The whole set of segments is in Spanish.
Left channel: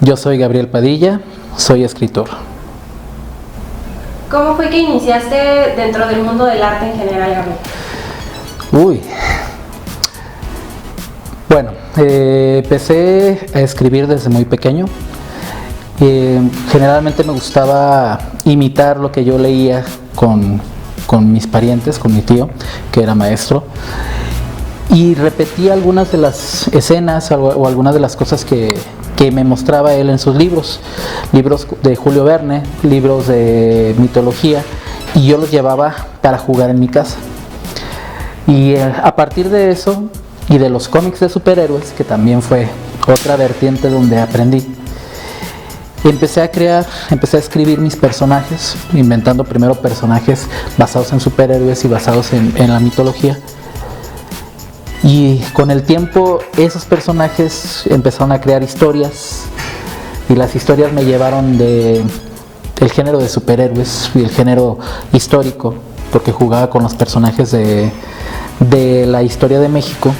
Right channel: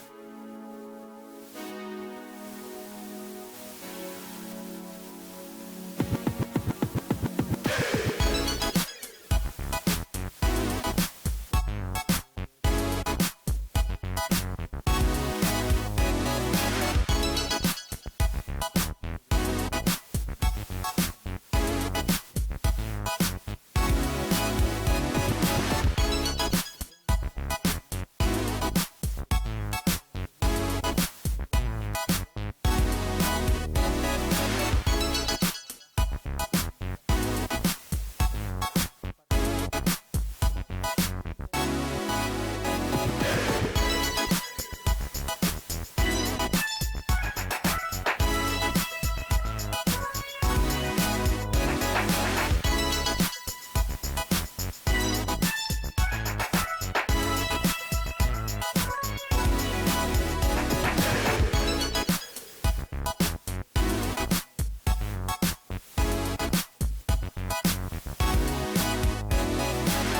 Yo soy Gabriel Padilla, soy escritor. ¿Cómo fue que iniciaste dentro del mundo del arte en general, Gabriel? Uy. Bueno, empecé a escribir desde muy pequeño. Generalmente me gustaba imitar lo que yo leía con mis parientes, con mi tío, que era maestro. Y repetía algunas de las escenas o algunas de las cosas que me mostraba él en sus libros de Julio Verne, libros de mitología, y yo los llevaba para jugar en mi casa. Y a partir de eso y de los cómics de superhéroes, que también fue otra vertiente donde aprendí, empecé a escribir mis personajes, inventando primero personajes basados en superhéroes y basados en la mitología. Y con el tiempo esos personajes empezaron a crear historias, y las historias me llevaron del género de superhéroes y el género histórico, porque jugaba con los personajes de la historia de México,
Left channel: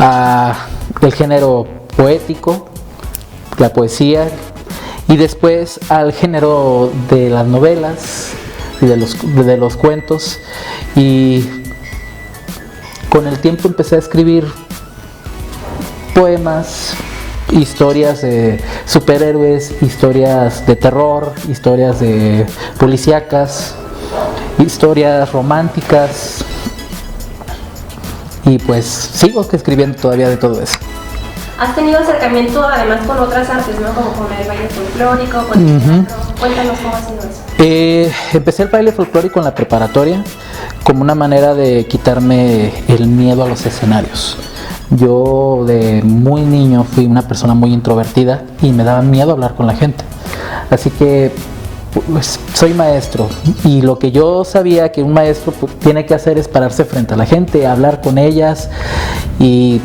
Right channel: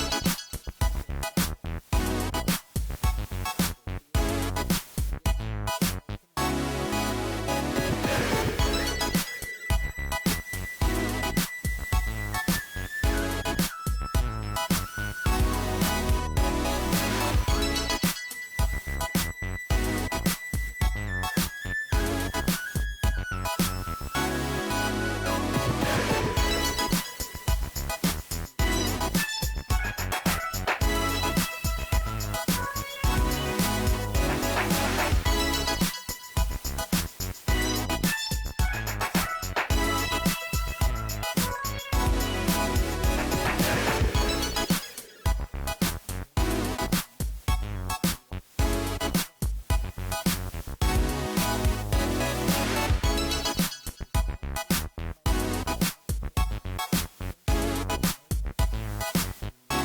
a el género poético, la poesía, y después al género de las novelas y de los cuentos. Y con el tiempo empecé a escribir poemas, historias de superhéroes, historias de terror, historias de policíacas, historias románticas, y pues sigo escribiendo todavía de todo eso. ¿Has tenido acercamiento además con otras artes, ¿no? Como con el baile folclórico, con el teatro? Cuéntanos cómo ha sido eso. Empecé el baile folclórico en la preparatoria como una manera de quitarme el miedo a los escenarios. Yo de muy niño fui una persona muy introvertida y me daba miedo hablar con la gente. Así que pues, soy maestro, y lo que yo sabía que un maestro tiene que hacer es pararse frente a la gente, hablar con ellas. Y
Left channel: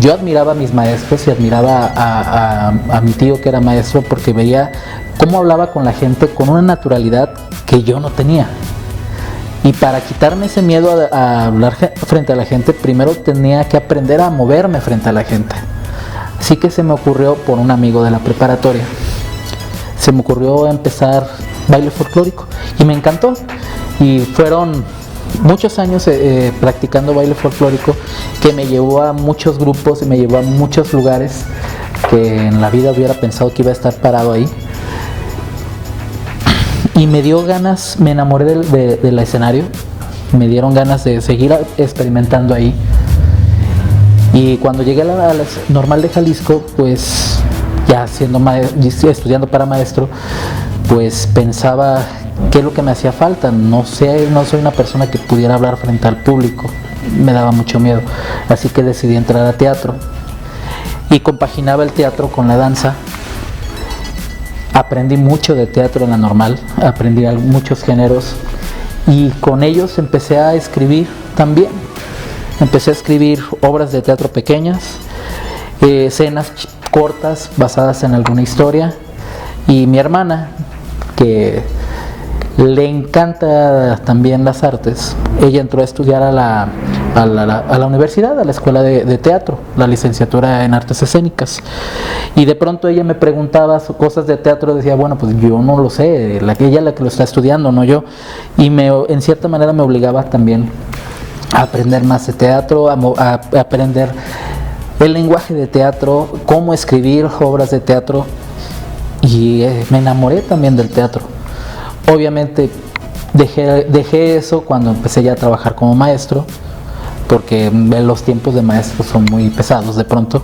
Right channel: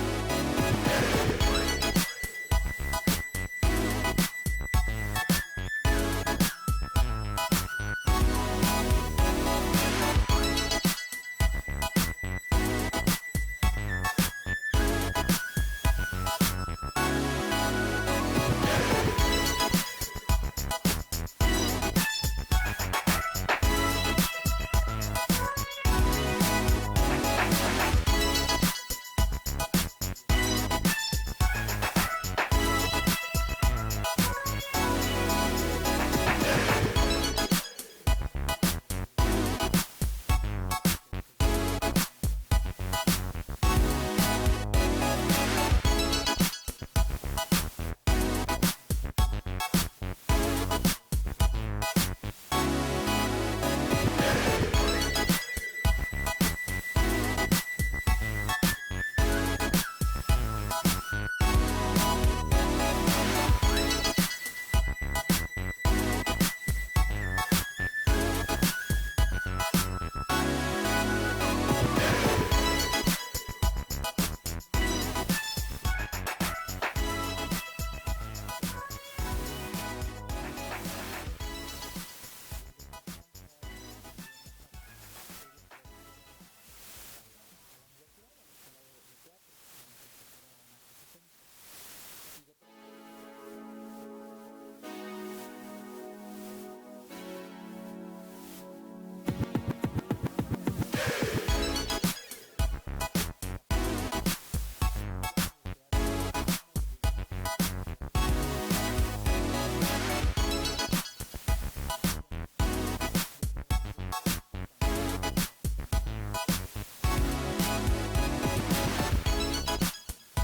yo admiraba a mis maestros y admiraba a mi tío, que era maestro, porque veía cómo hablaba con la gente con una naturalidad que yo no tenía. Y para quitarme ese miedo a hablar frente a la gente, primero tenía que aprender a moverme frente a la gente. Así que se me ocurrió, por un amigo de la preparatoria, se me ocurrió empezar baile folclórico, y me encantó. Y fueron muchos años practicando baile folclórico, que me llevó a muchos grupos y me llevó a muchos lugares que en la vida hubiera pensado que iba a estar parado ahí. Y me dio ganas, me enamoré del escenario, me dieron ganas de seguir experimentando ahí. Y cuando llegué a la Normal de Jalisco, pues ya estudiando para maestro, pues pensaba qué es lo que me hacía falta. No soy una persona que pudiera hablar frente al público, me daba mucho miedo. Así que decidí entrar a teatro, y compaginaba el teatro con la danza. Aprendí mucho de teatro en la Normal, aprendí muchos géneros, y con ellos empecé a escribir también. Empecé a escribir obras de teatro pequeñas, escenas cortas basadas en alguna historia. Y mi hermana, que le encanta también las artes, ella entró a estudiar a la universidad, a la escuela de teatro, la licenciatura en artes escénicas. Y de pronto ella me preguntaba cosas de teatro, decía, bueno, pues yo no lo sé, ella la que lo está estudiando, no yo. Y en cierta manera me obligaba también a aprender más de teatro, a aprender el lenguaje de teatro, cómo escribir obras de teatro. Y me enamoré también del teatro. Obviamente dejé eso cuando empecé ya a trabajar como maestro, porque los tiempos de maestro son muy pesados de pronto.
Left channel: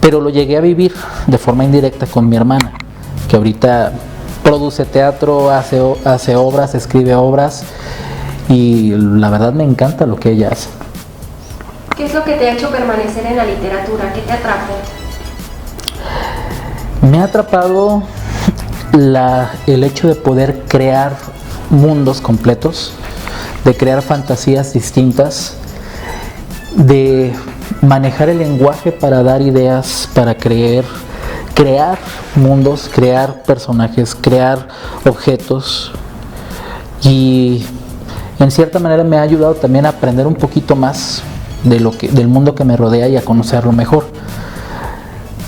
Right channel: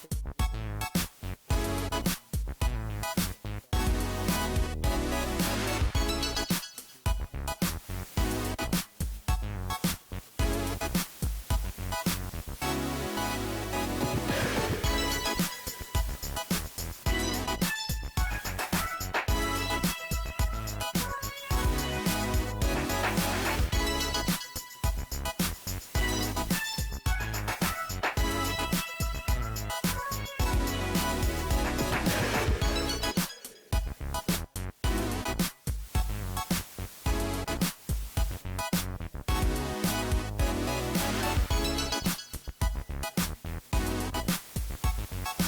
Pero lo llegué a vivir de forma indirecta con mi hermana, que ahorita produce teatro, hace obras, escribe obras, y la verdad me encanta lo que ella hace. ¿Qué es lo que te ha hecho permanecer en la literatura? ¿Qué te atrapó? Me ha atrapado el hecho de poder crear mundos completos, de crear fantasías distintas, de manejar el lenguaje para dar ideas, para crear mundos, crear personajes, crear objetos. Y en cierta manera me ha ayudado también a aprender un poquito más del mundo que me rodea y a conocerlo mejor.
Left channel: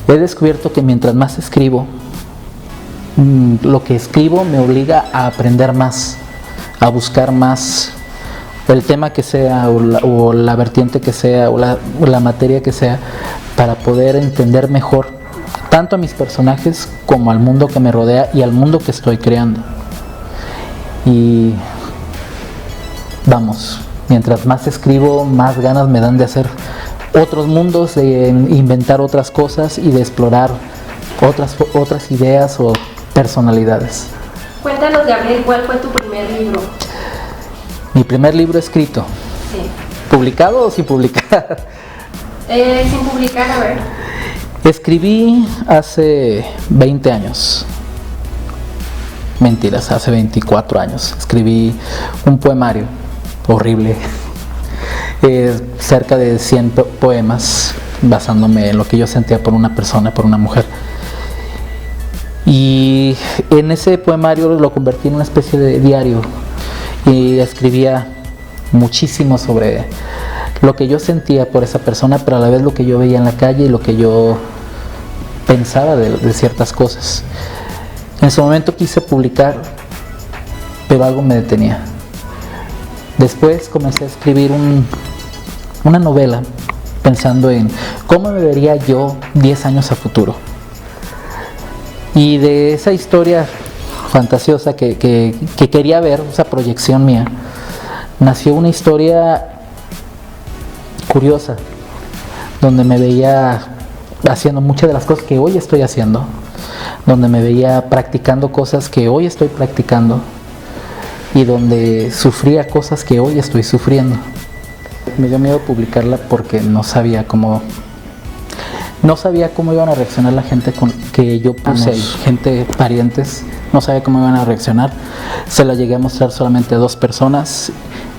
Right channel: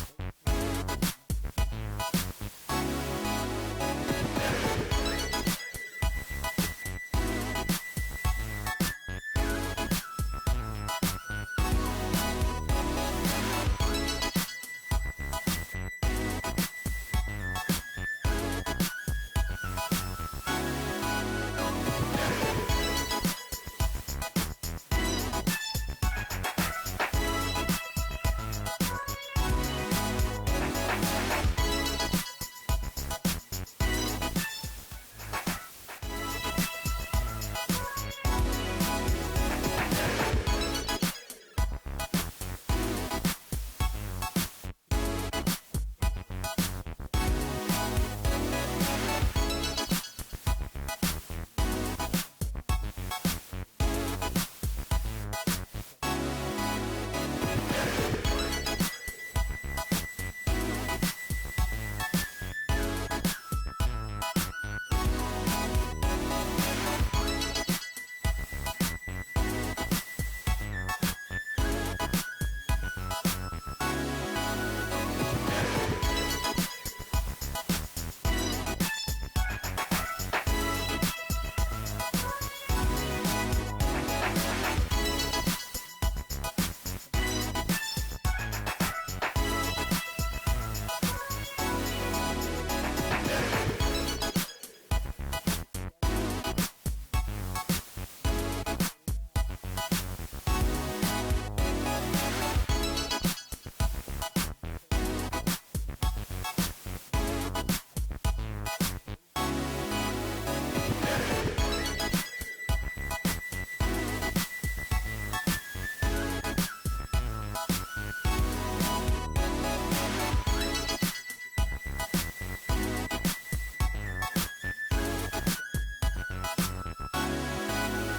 he descubierto que mientras más escribo, lo que escribo me obliga a aprender más, a buscar más el tema que sea o la vertiente que sea o la materia que sea, para poder entender mejor tanto a mis personajes como al mundo que me rodea y al mundo que estoy creando. Y vamos, mientras más escribo, más ganas me dan de hacer otros mundos, de inventar otras cosas y de explorar otras ideas o personalidades. Cuéntanos, Gabriel, ¿cuál fue tu primer libro? Mi primer libro escrito. Sí. ¿Publicado o sin publicar? Sin publicar, a ver. Escribí hace 20 años. Mentiras, hace 24 años. Escribí un poemario horrible. Cerca de 100 poemas, basándome en lo que yo sentía por una persona, por una mujer. Y en ese poemario lo convertí en una especie de diario y escribía muchísimo sobre lo que yo sentía por esa persona, pero a la vez lo que yo veía en la calle y lo que yo pensaba de ciertas cosas. En su momento quise publicar, pero algo me detenía. Después comencé a escribir una novela pensando en cómo me vería yo 10 años a futuro. Y de esa historia fantasiosa que quería ver, esa proyección mía, nació una historia curiosa, donde me veía haciendo muchas de las cosas que hoy estoy haciendo, donde me veía practicando cosas que hoy estoy practicando y donde sufría cosas que hoy estoy sufriendo. Me dio miedo publicarla porque no sabía cómo iban a reaccionar la gente con que yo puse ahí, gente, parientes, no sabía cómo iban a reaccionar. Se la llegué a mostrar solamente a 2 personas.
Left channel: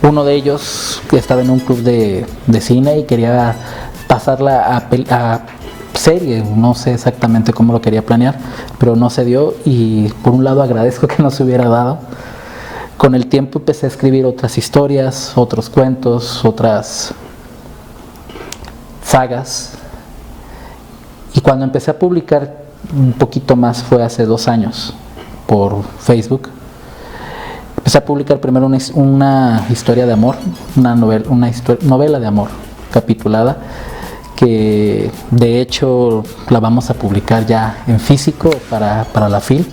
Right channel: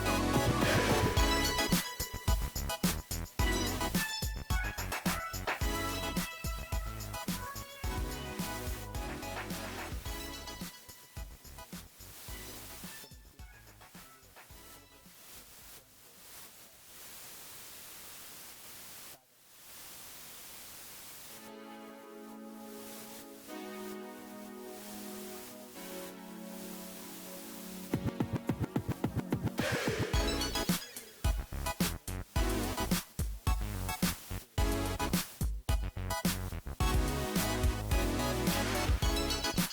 Uno de ellos que estaba en un club de cine y quería pasarla a serie, no sé exactamente cómo lo quería planear, pero no se dio y por un lado agradezco que no se hubiera dado. Con el tiempo empecé a escribir otras historias, otros cuentos, otras sagas. Y cuando empecé a publicar un poquito más fue hace 2 años por Facebook. Empecé a publicar primero una historia de amor, una novela de amor capitulada, que de hecho la vamos a publicar ya en físico para la FIL,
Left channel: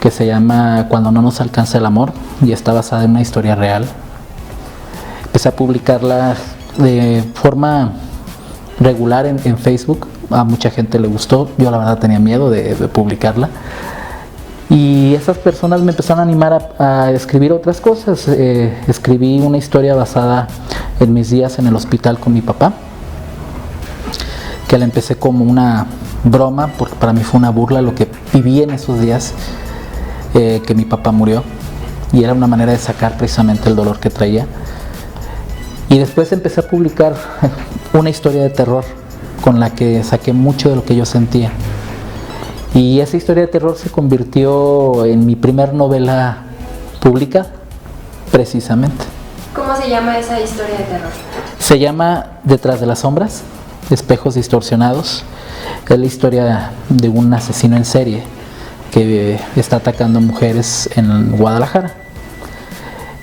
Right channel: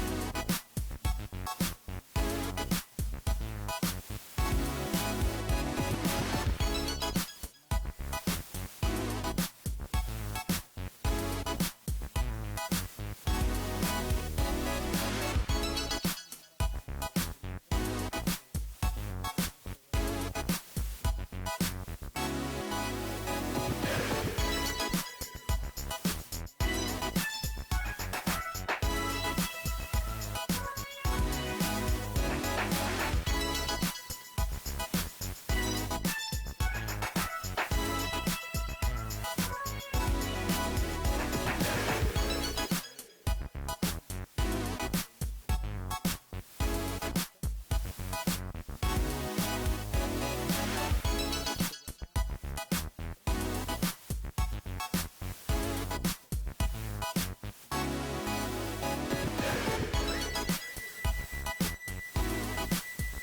que se llama Cuando no nos alcanza el amor y está basada en una historia real. Empecé a publicarla de forma regular en Facebook, a mucha gente le gustó, yo la verdad tenía miedo de publicarla. Y esas personas me empezaron a animar a escribir otras cosas. Escribí una historia basada en mis días en el hospital con mi papá, que la empecé como una broma, porque para mí fue una burla lo que viví en esos días que mi papá murió, y era una manera de sacar precisamente el dolor que traía. Y después empecé a publicar una historia de terror con la que saqué mucho de lo que yo sentía. Y esa historia de terror se convirtió en mi primer novela pública, precisamente. ¿Cómo se llama esa historia de terror? Se llama Detrás de las sombras, espejos distorsionados. Es la historia de un asesino en serie que está atacando mujeres en Guadalajara.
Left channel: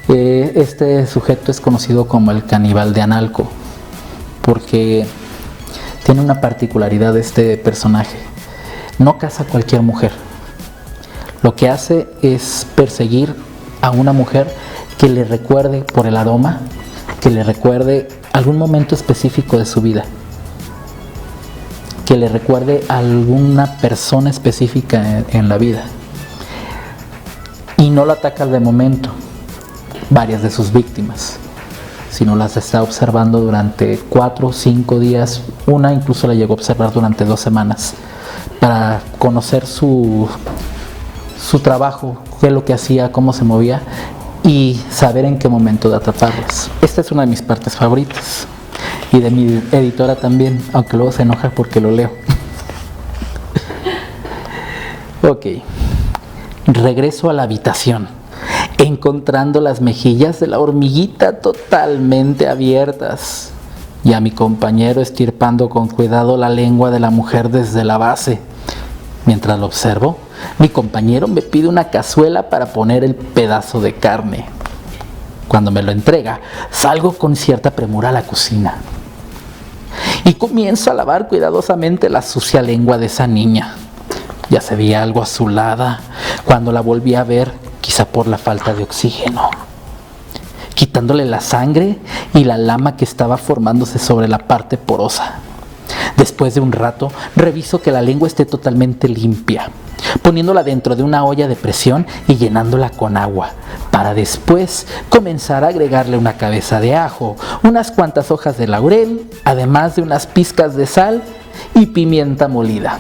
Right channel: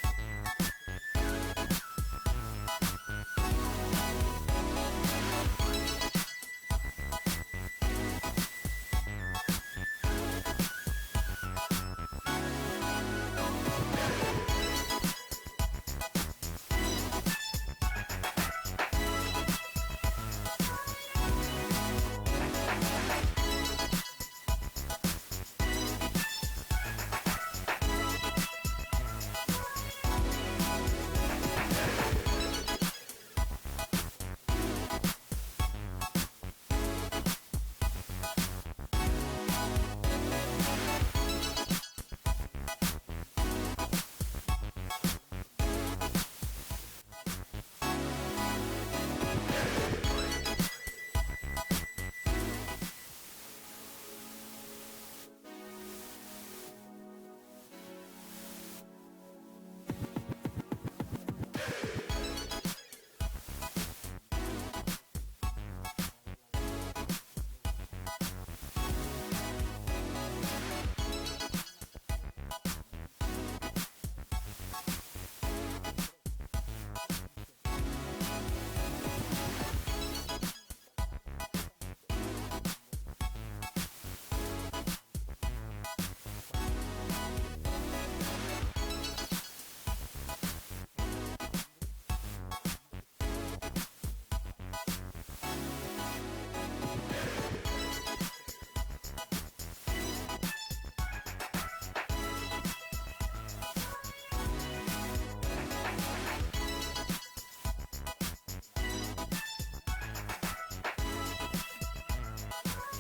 Este sujeto es conocido como el caníbal de Analco, porque tiene una particularidad este personaje. No caza a cualquier mujer. Lo que hace es perseguir a una mujer que le recuerde por el aroma, que le recuerde algún momento específico de su vida, que le recuerde a alguna persona específica en la vida. Y no la ataca de momento, varias de sus víctimas, sino las está observando durante 4 o 5 días, una incluso la llegó a observar durante 2 semanas, para conocer su trabajo, qué es lo que hacía, cómo se movía y saber en qué momento de atraparlas. Esta es una de mis partes favoritas y de mi editora también, aunque luego se enoja porque lo leo. Ok, regreso a la habitación, encontrando las mejillas de la hormiguita totalmente abiertas. y a mi compañero estirpando con cuidado la lengua de la mujer desde la base. Mientras lo observo, mi compañero me pide una cazuela para poner el pedazo de carne. Cuando me lo entrega, salgo con cierta premura a la cocina y comienzo a lavar cuidadosamente la sucia lengua de esa niña. Ya se veía algo azulada cuando la volví a ver, quizá por la falta de oxígeno. Quitándole la sangre y la lama que estaba formándose sobre la parte porosa. Después de un rato, reviso que la lengua esté totalmente limpia, poniéndola dentro de una olla de presión y llenándola con agua, para después comenzar a agregarle una cabeza de ajo, unas cuantas hojas de laurel, además de unas pizcas de sal y pimienta molida.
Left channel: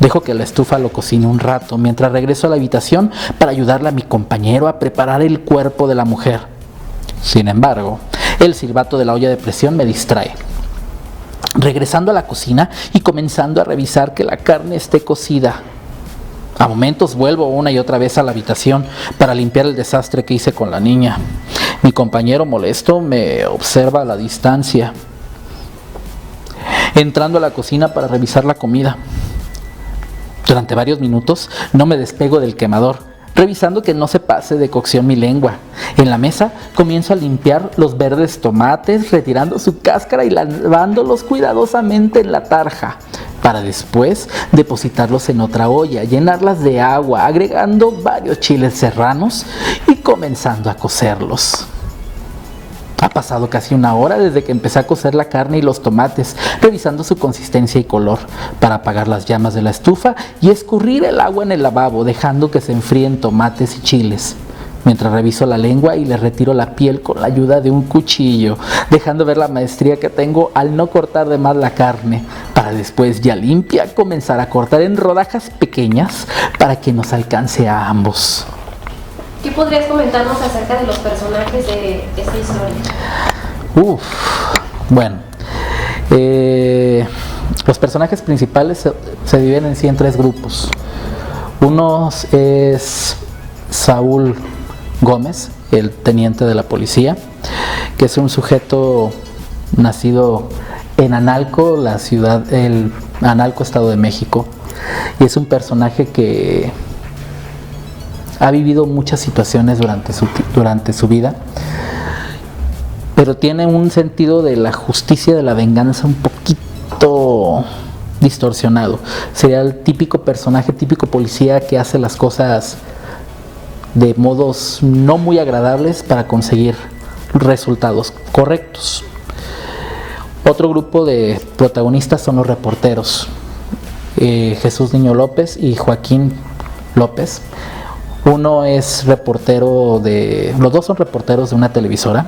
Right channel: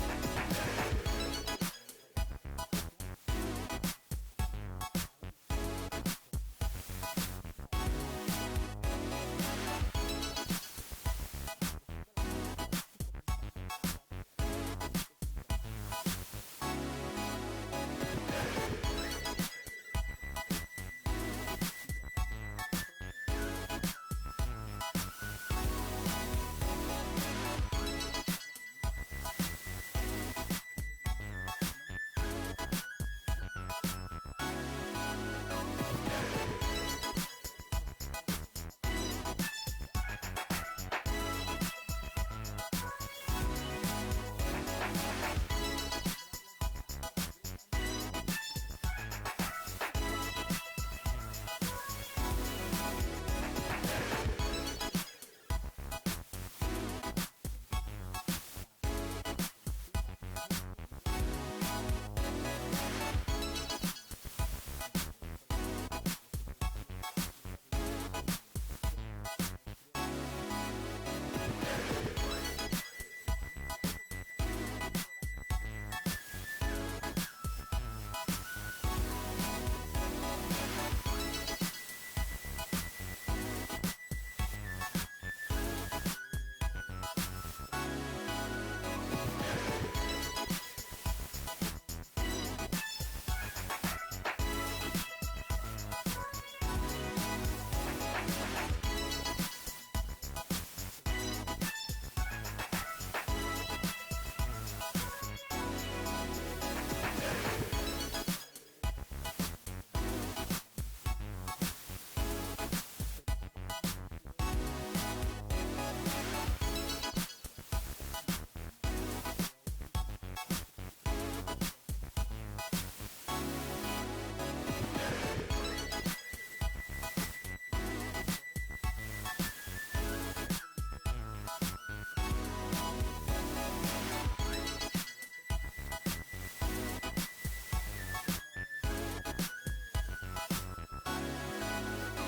Dejo que la estufa lo cocine un rato mientras regreso a la habitación para ayudarle a mi compañero a preparar el cuerpo de la mujer. Sin embargo, el silbato de la olla de presión me distrae. Regresando a la cocina y comenzando a revisar que la carne esté cocida. A momentos vuelvo una y otra vez a la habitación para limpiar el desastre que hice con la niña. Mi compañero molesto me observa a la distancia, entrando a la cocina para revisar la comida. Durante varios minutos no me despego del quemador, revisando que no se pase de cocción mi lengua. En la mesa comienzo a limpiar los verdes tomates, retirando su cáscara y lavándolos cuidadosamente en la tarja, para después depositarlos en otra olla, llenarlas de agua, agregando varios chiles serranos y comenzando a cocerlos. Ha pasado casi una hora desde que empecé a cocer la carne y los tomates, revisando su consistencia y color, para apagar las llamas de la estufa y escurrir el agua en el lavabo, dejando que se enfríen tomates y chiles. Mientras reviso la lengua y le retiro la piel con la ayuda de un cuchillo, dejando ver la maestría que tengo al no cortar de más la carne, para después, ya limpia, comenzar a cortar en rodajas pequeñas para que nos alcance a ambos. ¿Qué podrías comentarnos acerca de los personajes de esta historia? Bueno, los personajes principales se dividen en sí en tres grupos. Uno es Saúl Gómez, el teniente de la policía, que es un sujeto nacido en Analco, Analco, Estado de México, y es un personaje que ha vivido muchas situaciones durante su vida, pero tiene un sentido de la justicia, de la venganza un poquito distorsionado. Sería el típico personaje, típico policía que hace las cosas de modos no muy agradables para conseguir resultados correctos. Otro grupo de protagonistas son los reporteros, Jesús Niño López y Joaquín López. Uno es los dos son reporteros de una televisora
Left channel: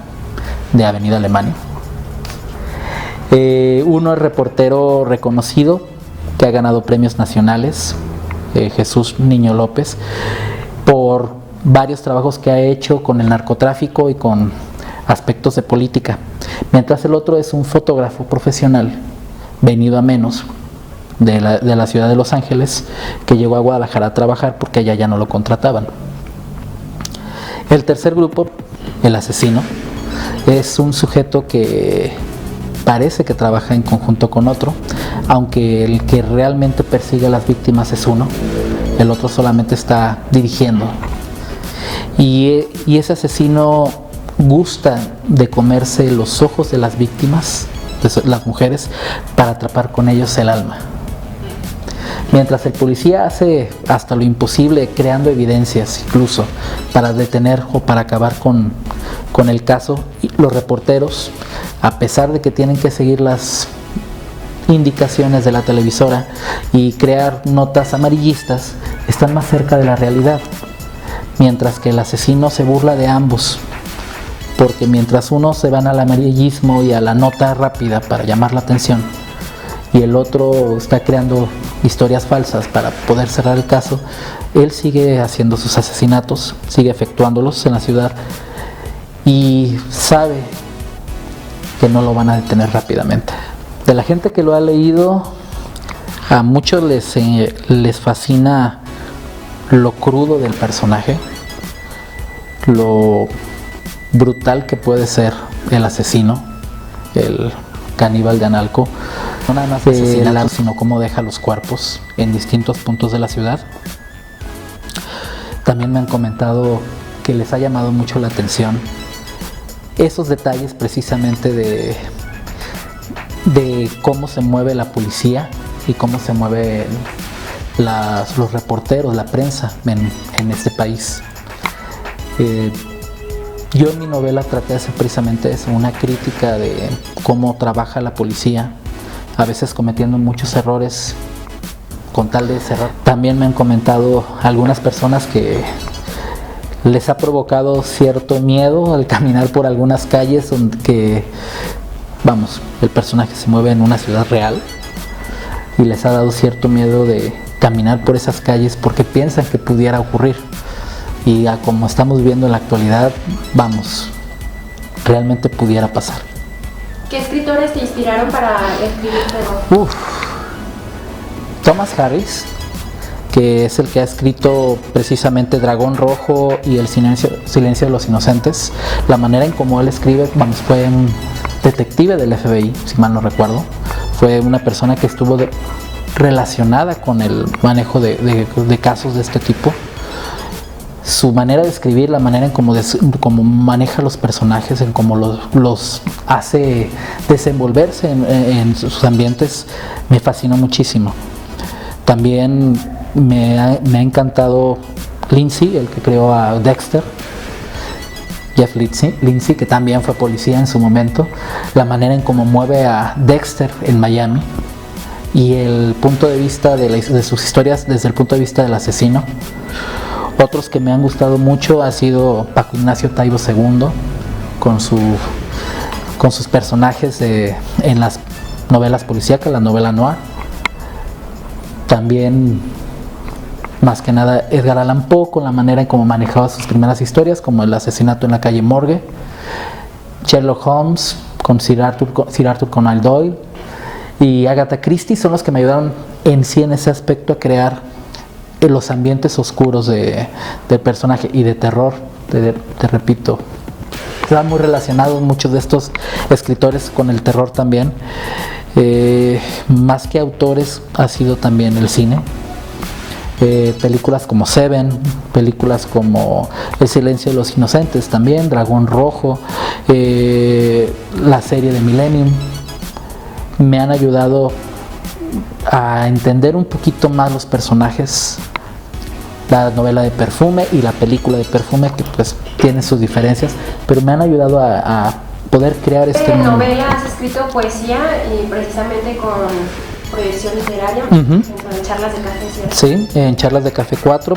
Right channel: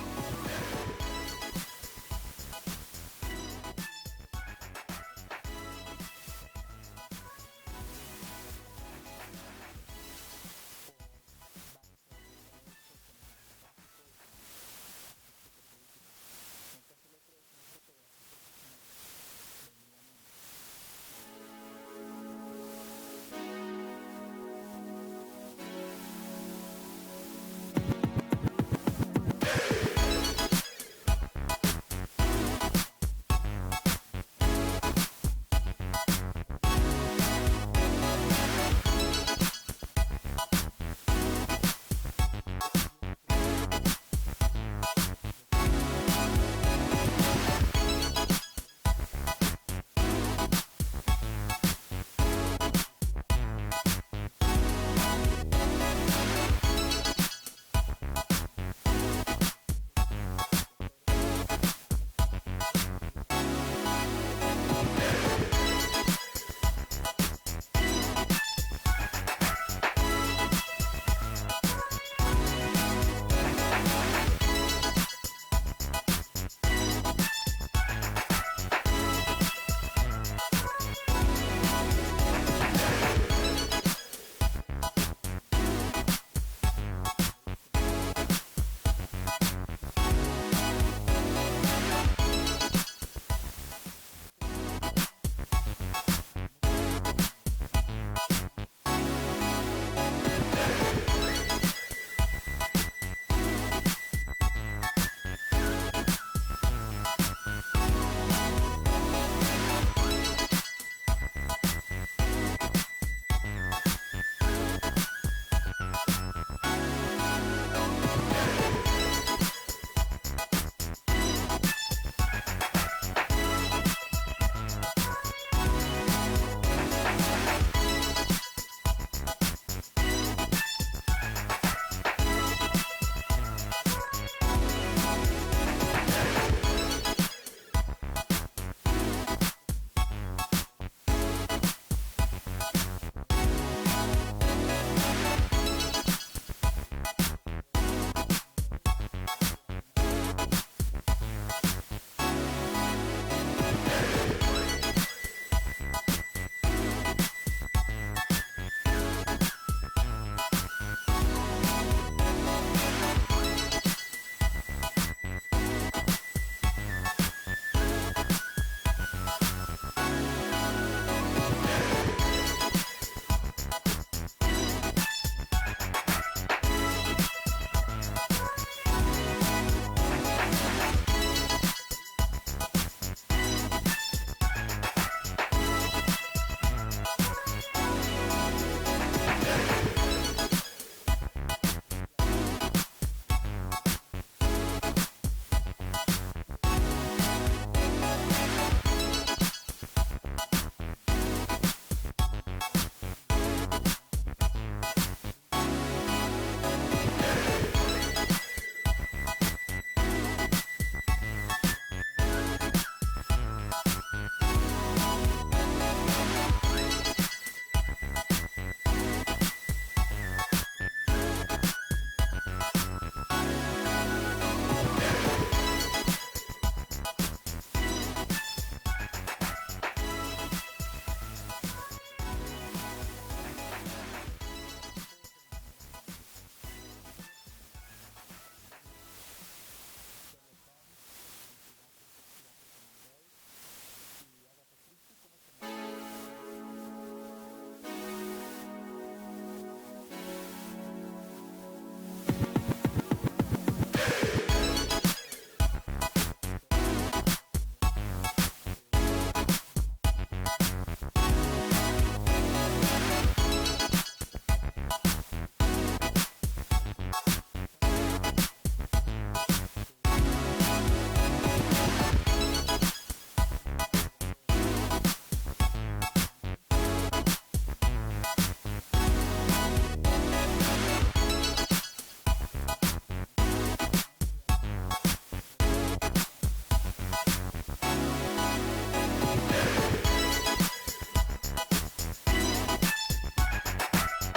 de Avenida Alemania. Uno es reportero reconocido que ha ganado premios nacionales, Jesús Niño López, por varios trabajos que ha hecho con el narcotráfico y con aspectos de política, mientras el otro es un fotógrafo profesional venido a menos de la ciudad de Los Ángeles, que llegó a Guadalajara a trabajar porque allá ya no lo contrataban. El tercer grupo, el asesino, es un sujeto que parece que trabaja en conjunto con otro, aunque el que realmente persigue a las víctimas es uno, el otro solamente está dirigiendo. Y ese asesino gusta de comerse los ojos de las víctimas, de las mujeres, para atrapar con ellos el alma. Mientras el policía hace hasta lo imposible, creando evidencias incluso para detener o para acabar con el caso, los reporteros, a pesar de que tienen que seguir las indicaciones de la televisora y crear notas amarillistas, están más cerca de la realidad, mientras que el asesino se burla de ambos, porque mientras unos se van al amarillismo y a la nota rápida para llamar la atención, y el otro está creando historias falsas para poder cerrar el caso, él sigue haciendo sus asesinatos, sigue efectuándolos en la ciudad y sabe que no lo van a detener rápidamente. De la gente que lo ha leído, a muchos les fascina lo crudo del personaje, lo brutal que puede ser el asesino, el caníbal de Analco, no nada más asesinatos, sino cómo deja los cuerpos en distintos puntos de la ciudad. También me han comentado que les ha llamado mucho la atención esos detalles precisamente de cómo se mueve la policía y cómo se mueven los reporteros, la prensa en este país. Yo en mi novela traté de hacer precisamente eso, una crítica de cómo trabaja la policía, a veces cometiendo muchos errores con tal de cerrar. También me han comentado algunas personas que les ha provocado cierto miedo al caminar por algunas calles donde el personaje se mueve en una ciudad real y les ha dado cierto miedo de caminar por esas calles porque piensan que pudiera ocurrir. Y como estamos viviendo en la actualidad, realmente pudiera pasar. ¿Qué escritores te inspiraron para escribir terror? Thomas Harris, que es el que ha escrito precisamente Dragón Rojo y El Silencio de los Inocentes. La manera en cómo él escribe, fue un detective del FBI, si mal no recuerdo. Fue una persona que estuvo relacionada con el manejo de casos de este tipo. Su manera de escribir, la manera en cómo maneja los personajes, en cómo los hace desenvolverse en sus ambientes, me fascinó muchísimo. También me ha encantado Lindsay, el que creó a Dexter, Jeff Lindsay, que también fue policía en su momento, la manera en cómo mueve a Dexter en Miami y el punto de vista de sus historias desde el punto de vista del asesino. Otros que me han gustado mucho ha sido Paco Ignacio Taibo II, con sus personajes en las novelas policíacas, la novela noir. También, más que nada, Edgar Allan Poe, con la manera en cómo manejaba sus primeras historias, como El asesinato en la calle Morgue. Sherlock Holmes, con Sir Arthur Conan Doyle. Y Agatha Christie son los que me ayudaron en ese aspecto a crear los ambientes oscuros del personaje y de terror. Te repito, están muy relacionados muchos de estos escritores con el terror también. Más que autores, ha sido también el cine. Películas como Seven, películas como El Silencio de los Inocentes también, Dragón Rojo, la serie de Millennium, me han ayudado a entender un poquito más los personajes. La novela de Perfume y la película de Perfume, que pues tienen sus diferencias, pero me han ayudado a poder crear este mundo. ¿En novela has escrito poesía y precisamente con proyección literaria? En Charlas de Café 4. Sí, en Charlas de Café 4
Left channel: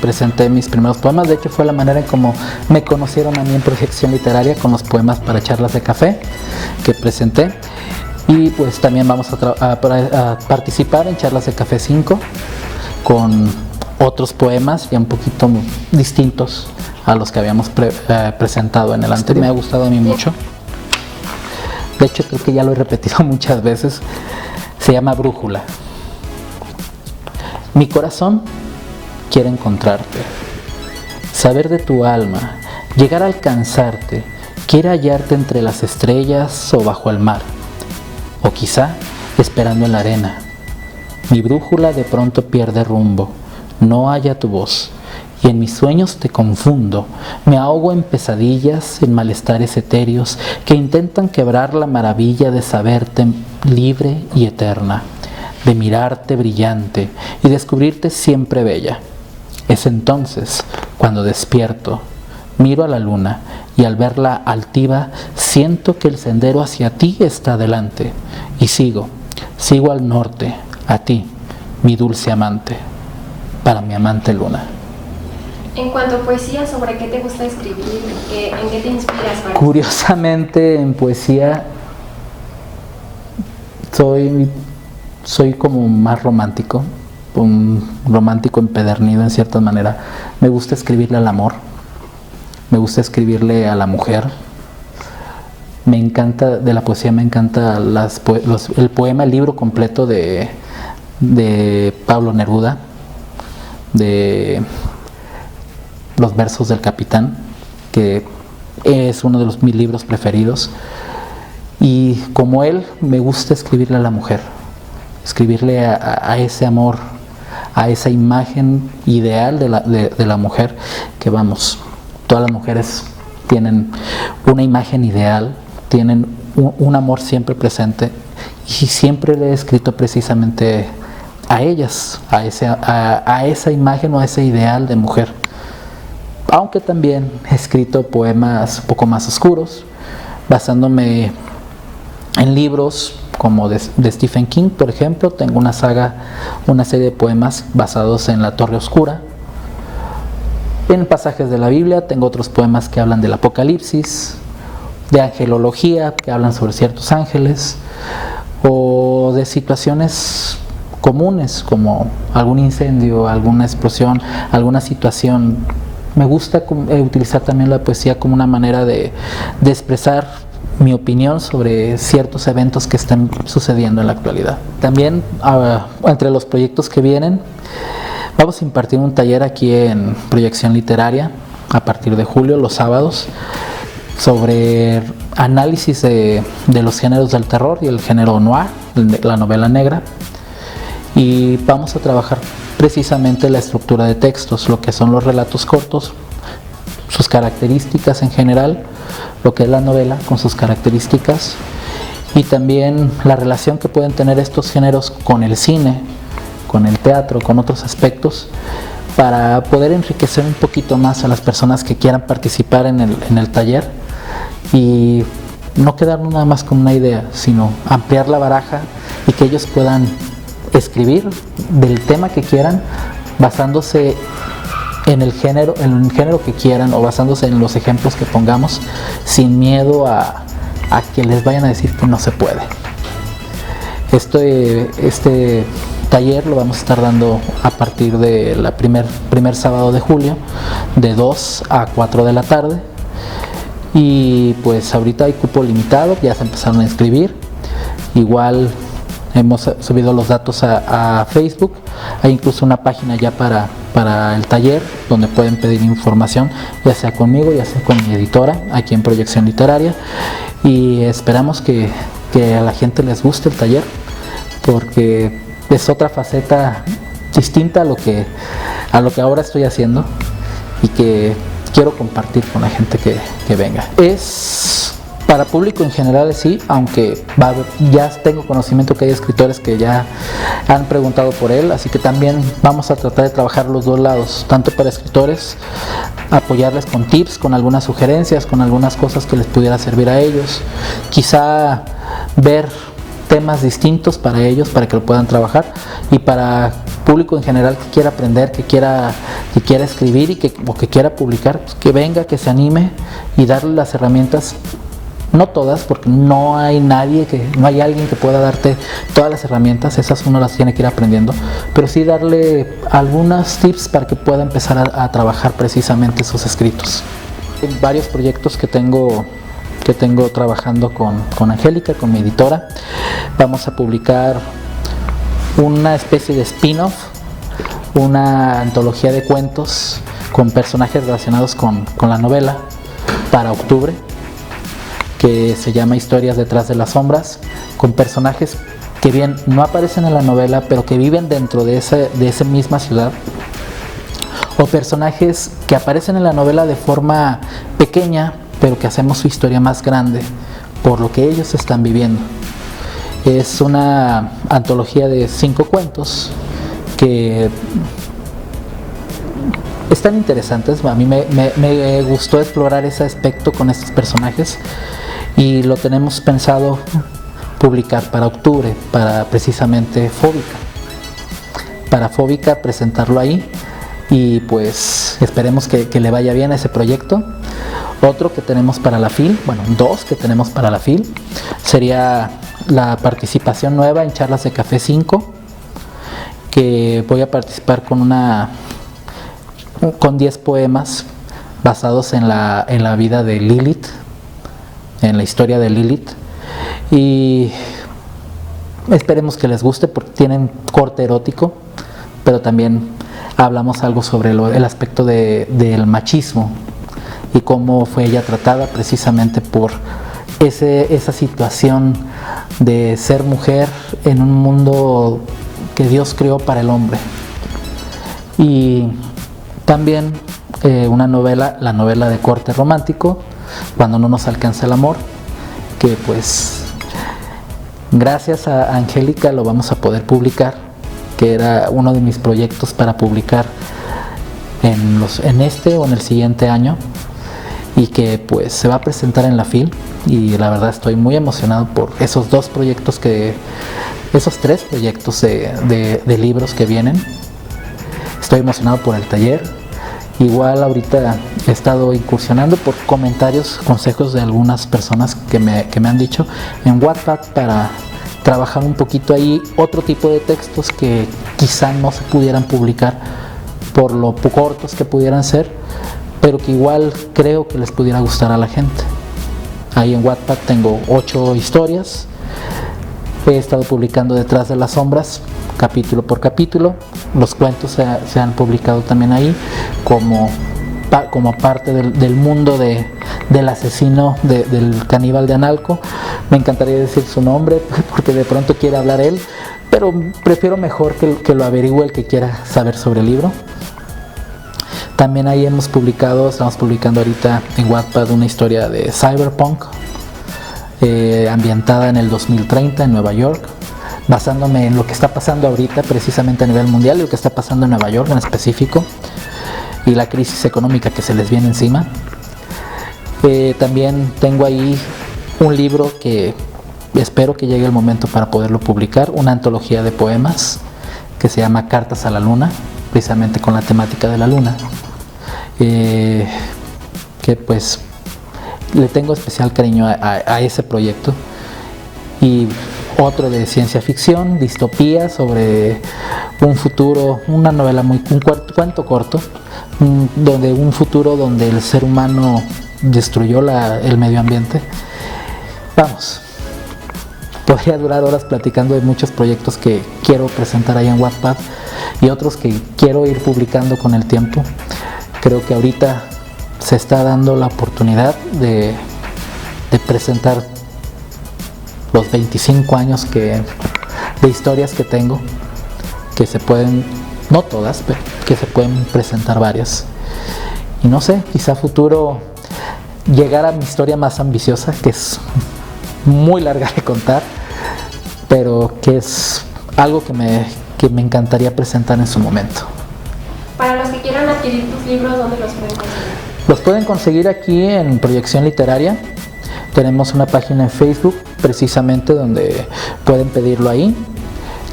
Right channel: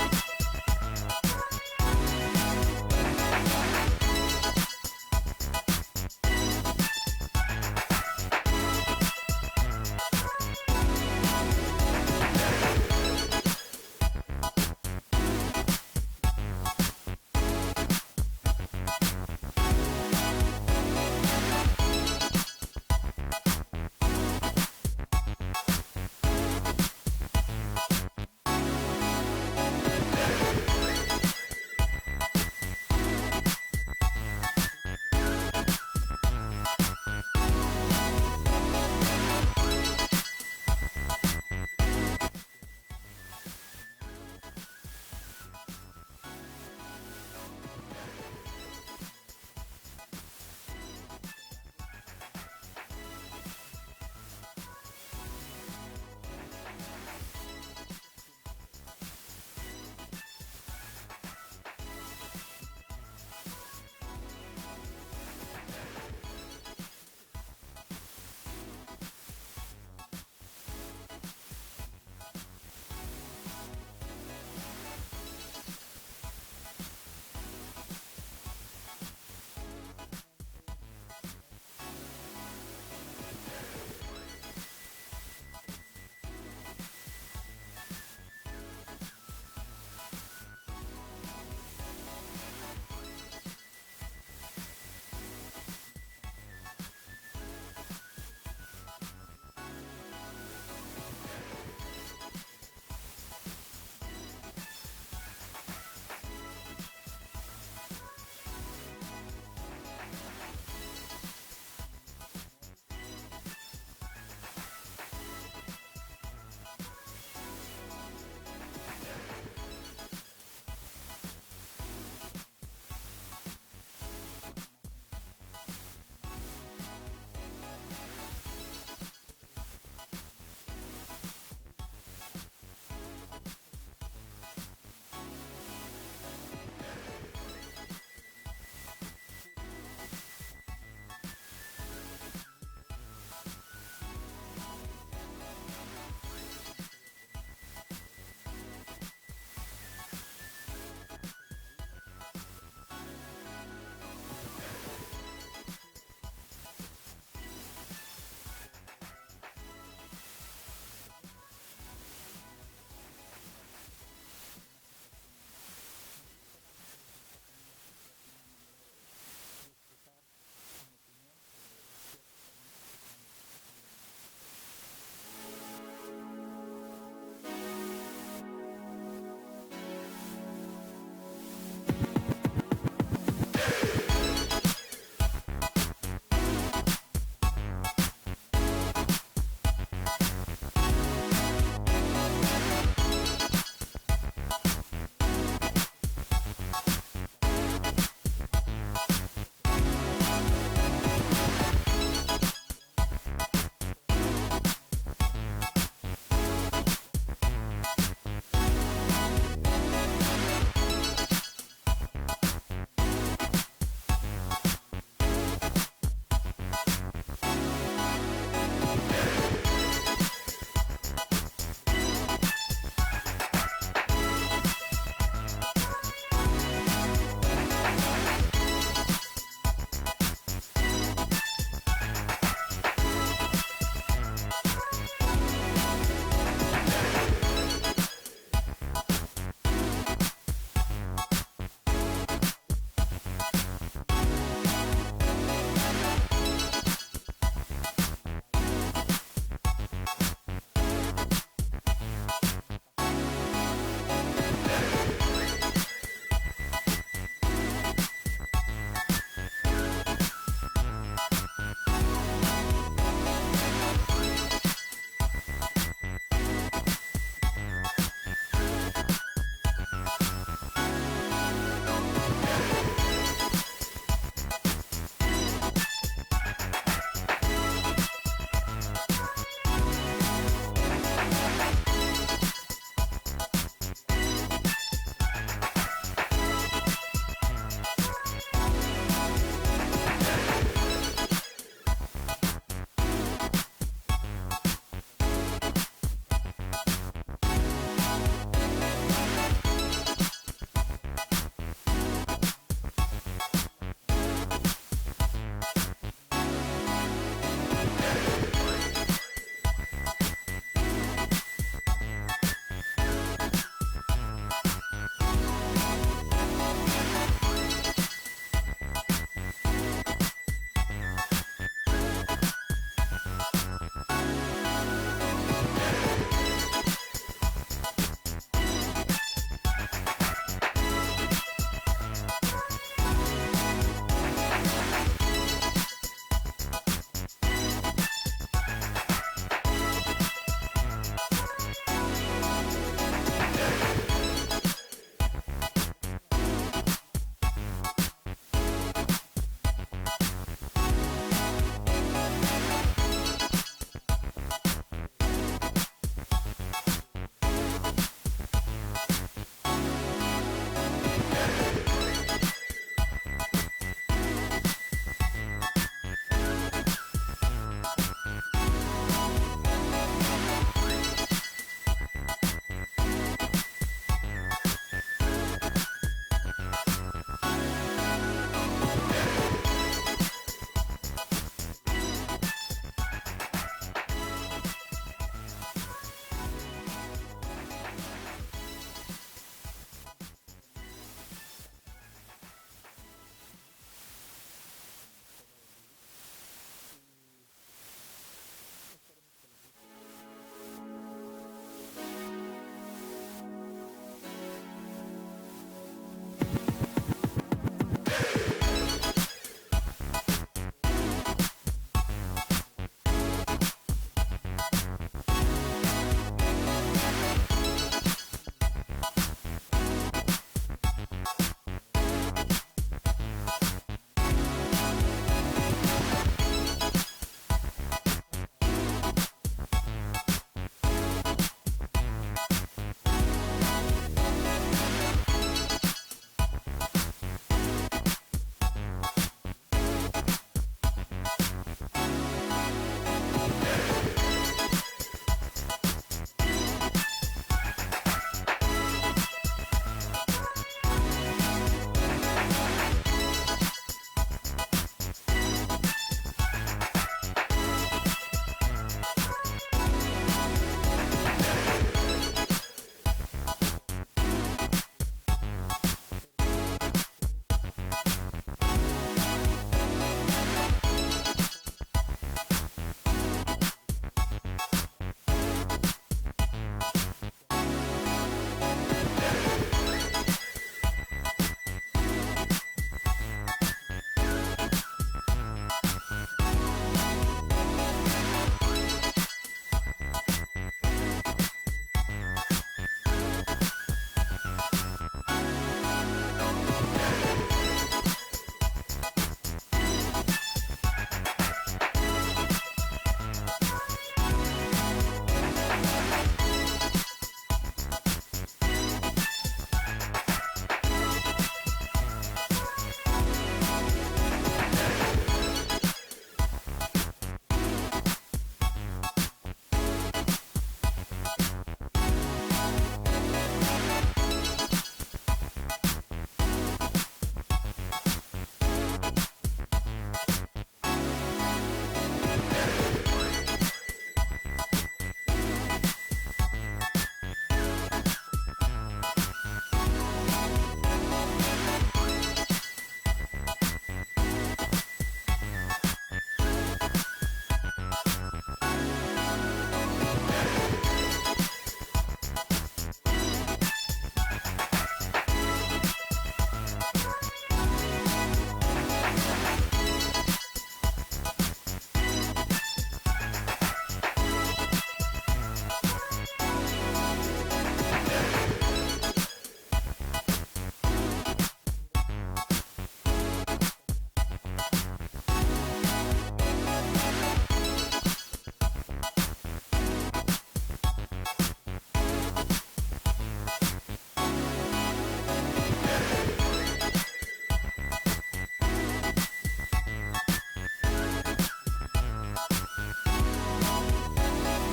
presenté mis primeros poemas. De hecho, fue la manera en como me conocieron a mí en proyección literaria, con los poemas para Charlas de Café que presenté. Y pues también vamos a participar en Charlas de Café 5 con otros poemas ya un poquito distintos a los que habíamos presentado en el anterior. Me ha gustado a mí mucho. De hecho, creo que ya lo he repetido muchas veces. Se llama Brújula. Mi corazón quiere encontrarte, saber de tu alma, llegar a alcanzarte. Quiere hallarte entre las estrellas o bajo el mar, o quizá esperando en la arena. Mi brújula de pronto pierde rumbo, no halla tu voz, y en mis sueños te confundo, me ahogo en pesadillas, en malestares etéreos que intentan quebrar la maravilla de saberte libre y eterna, de mirarte brillante y descubrirte siempre bella. Es entonces cuando despierto, miro a la luna y al verla altiva siento que el sendero hacia ti está delante, y sigo al norte, a ti, mi dulce amante, para mi amante luna. En cuanto a poesía, ¿sobre qué te gusta escribir? ¿En qué te inspiras? Curiosamente, en poesía soy como más romántico, un romántico empedernido en cierta manera. Me gusta escribirle al amor, me gusta escribirle a la mujer. Me encanta, de la poesía me encanta el poema, el libro completo de Pablo Neruda, de Los versos del capitán, que es uno de mis libros preferidos. Y como él, me gusta escribirle a la mujer, escribirle a ese amor, a esa imagen ideal de la mujer, que vamos, todas las mujeres tienen una imagen ideal, tienen un amor siempre presente, y siempre le he escrito precisamente a ellas, a esa imagen o a ese ideal de mujer. Aunque también he escrito poemas un poco más oscuros, basándome en libros como de Stephen King, por ejemplo. Tengo una serie de poemas basados en la Torre Oscura. En pasajes de la Biblia tengo otros poemas que hablan del Apocalipsis, de angelología, que hablan sobre ciertos ángeles, o de situaciones comunes como algún incendio, alguna explosión, alguna situación. Me gusta utilizar también la poesía como una manera de expresar mi opinión sobre ciertos eventos que están sucediendo en la actualidad. También, entre los proyectos que vienen, vamos a impartir un taller aquí en Proyección Literaria a partir de julio, los sábados, sobre análisis de los géneros del terror y el género noir, la novela negra. Y vamos a trabajar precisamente la estructura de textos, lo que son los relatos cortos, sus características en general, lo que es la novela con sus características, y también la relación que pueden tener estos géneros con el cine, con el teatro, con otros aspectos, para poder enriquecer un poquito más a las personas que quieran participar en el taller, y no quedarnos nada más con una idea, sino ampliar la baraja y que ellos puedan escribir del tema que quieran, basándose en el género que quieran, o basándose en los ejemplos que pongamos, sin miedo a que les vayan a decir que no se puede. Este taller lo vamos a estar dando a partir de la primer sábado de julio, de 2 a 4 de la tarde, y pues ahorita hay cupo limitado, ya se empezaron a inscribir. Igual hemos subido los datos a Facebook. Hay incluso una página ya para el taller donde pueden pedir información, ya sea conmigo, ya sea con mi editora aquí en Proyección Literaria, y esperamos que a la gente les guste el taller, porque es otra faceta distinta a lo que ahora estoy haciendo y que quiero compartir con la gente que venga. Es para público en general, sí, aunque ya tengo conocimiento que hay escritores que ya han preguntado por él, así que también vamos a tratar de trabajar los dos lados, tanto para escritores, apoyarles con tips, con algunas sugerencias, con algunas cosas que les pudiera servir a ellos, quizá ver temas distintos para ellos, para que lo puedan trabajar, y para público en general que quiera aprender, que quiera escribir o que quiera publicar, pues que venga, que se anime, y darle las herramientas. No todas, porque no hay alguien que pueda darte todas las herramientas, esas uno las tiene que ir aprendiendo, pero sí darle algunos tips para que pueda empezar a trabajar precisamente sus escritos. Hay varios proyectos que tengo trabajando con Angélica, con mi editora. Vamos a publicar una especie de spin-off, una antología de cuentos con personajes relacionados con la novela para octubre, que se llama Historias detrás de las sombras, con personajes que bien no aparecen en la novela, pero que viven dentro de esa misma ciudad, o personajes que aparecen en la novela de forma pequeña, pero que hacemos su historia más grande por lo que ellos están viviendo. Es una antología de 5 cuentos que están interesantes. A mí me gustó explorar ese aspecto con estos personajes, y lo tenemos pensado publicar para octubre, para precisamente Fóbica, presentarlo ahí, y pues esperemos que le vaya bien a ese proyecto. Otro que tenemos para la FIL, dos que tenemos para la FIL, sería la participación nueva en Charlas de Café 5, que voy a participar con 10 poemas basados en la vida de Lilith, en la historia de Lilith, y esperemos que les guste porque tienen corte erótico, pero también hablamos algo sobre el aspecto del machismo y cómo fue ella tratada precisamente por esa situación de ser mujer en un mundo que Dios creó para el hombre. Y también una novela, la novela de corte romántico, Cuando no nos alcanza el amor, que pues gracias a Angélica lo vamos a poder publicar, que era uno de mis proyectos para publicar en este o en el siguiente año, y que pues se va a presentar en la FIL, y la verdad estoy muy emocionado por esos tres proyectos de libros que vienen. Estoy emocionado por el taller. Igual ahorita he estado incursionando por comentarios, consejos de algunas personas que me han dicho en WhatsApp para trabajar un poquito ahí otro tipo de textos que quizá no se pudieran publicar por lo cortos que pudieran ser, pero que igual creo que les pudiera gustar a la gente. Ahí en WhatsApp tengo 8 historias. He estado publicando Detrás de las sombras, capítulo por capítulo. Los cuentos se han publicado también ahí como parte del mundo del asesino, del caníbal de Analco. Me encantaría decir su nombre porque de pronto quiere hablar él, pero prefiero mejor que lo averigüe el que quiera saber sobre el libro. También ahí estamos publicando ahorita en Wattpad una historia de cyberpunk, ambientada en el 2030 en Nueva York, basándome en lo que está pasando ahorita precisamente a nivel mundial y lo que está pasando en Nueva York en específico, y la crisis económica que se les viene encima. También tengo ahí un libro que espero que llegue el momento para poderlo publicar, una antología de poemas que se llama Cartas a la Luna, precisamente con la temática de la luna, que pues le tengo especial cariño a ese proyecto. Y otro de ciencia ficción, distopía, sobre un futuro, una novela un cuento corto, donde un futuro donde el ser humano destruyó el medio ambiente. Vamos, podría durar horas platicando de muchos proyectos que quiero presentar ahí en Wattpad y otros que quiero ir publicando con el tiempo. Creo que ahorita se está dando la oportunidad de presentar los 25 años de historias que tengo, que se pueden, no todas, pero que se pueden presentar varias. Y no sé, quizá futuro llegar a mi historia más ambiciosa, que es muy larga de contar, pero que es algo que me encantaría presentar en su momento. Para los que quieran adquirir tus libros, ¿dónde los pueden conseguir? Los pueden conseguir aquí en Proyección Literaria. Tenemos una página en Facebook precisamente donde pueden pedirlo ahí.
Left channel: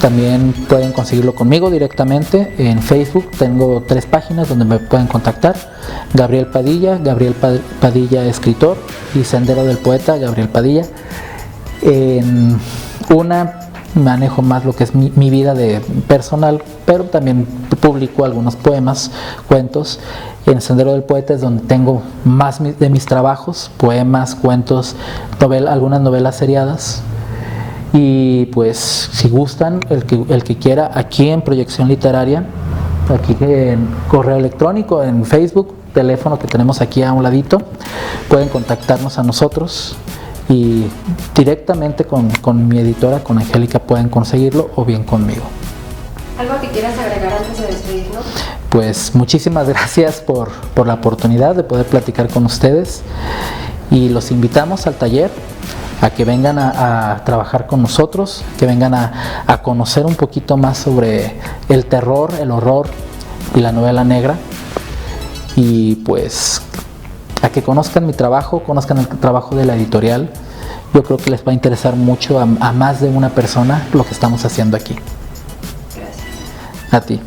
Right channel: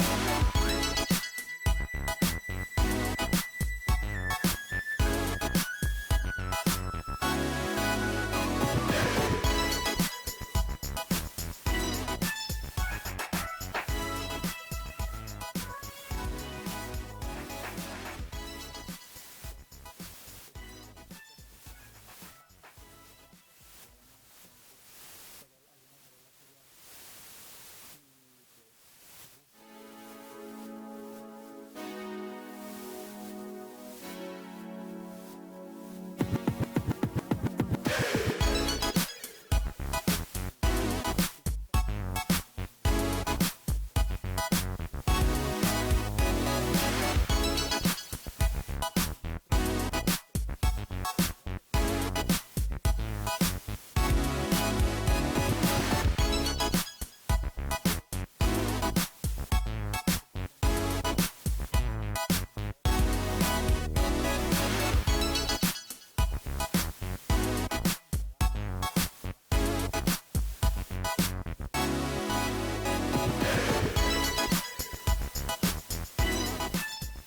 También pueden conseguirlo conmigo directamente en Facebook. Tengo 3 páginas donde me pueden contactar: Gabriel Padilla escritor, y Sendero del Poeta, Gabriel Padilla. En una manejo más lo que es mi vida personal, pero también publico algunos poemas, cuentos. En Sendero del Poeta es donde tengo más de mis trabajos, poemas, cuentos, algunas novelas seriadas. Y pues si gustan, el que quiera, aquí en Proyección Literaria, aquí en correo electrónico, en Facebook, teléfono que tenemos aquí a un ladito, pueden contactarnos a nosotros y directamente con mi editora, con Angélica, pueden conseguirlo, o bien conmigo. ¿Algo que quieras agregar antes de despedirnos? Pues muchísimas gracias por la oportunidad de poder platicar con ustedes, y los invitamos al taller a que vengan a trabajar con nosotros, que vengan a conocer un poquito más sobre el terror, el horror y la novela negra, y pues a que conozcan mi trabajo, conozcan el trabajo de la editorial. Yo creo que les va a interesar mucho a más de una persona lo que estamos haciendo aquí. Gracias. A ti.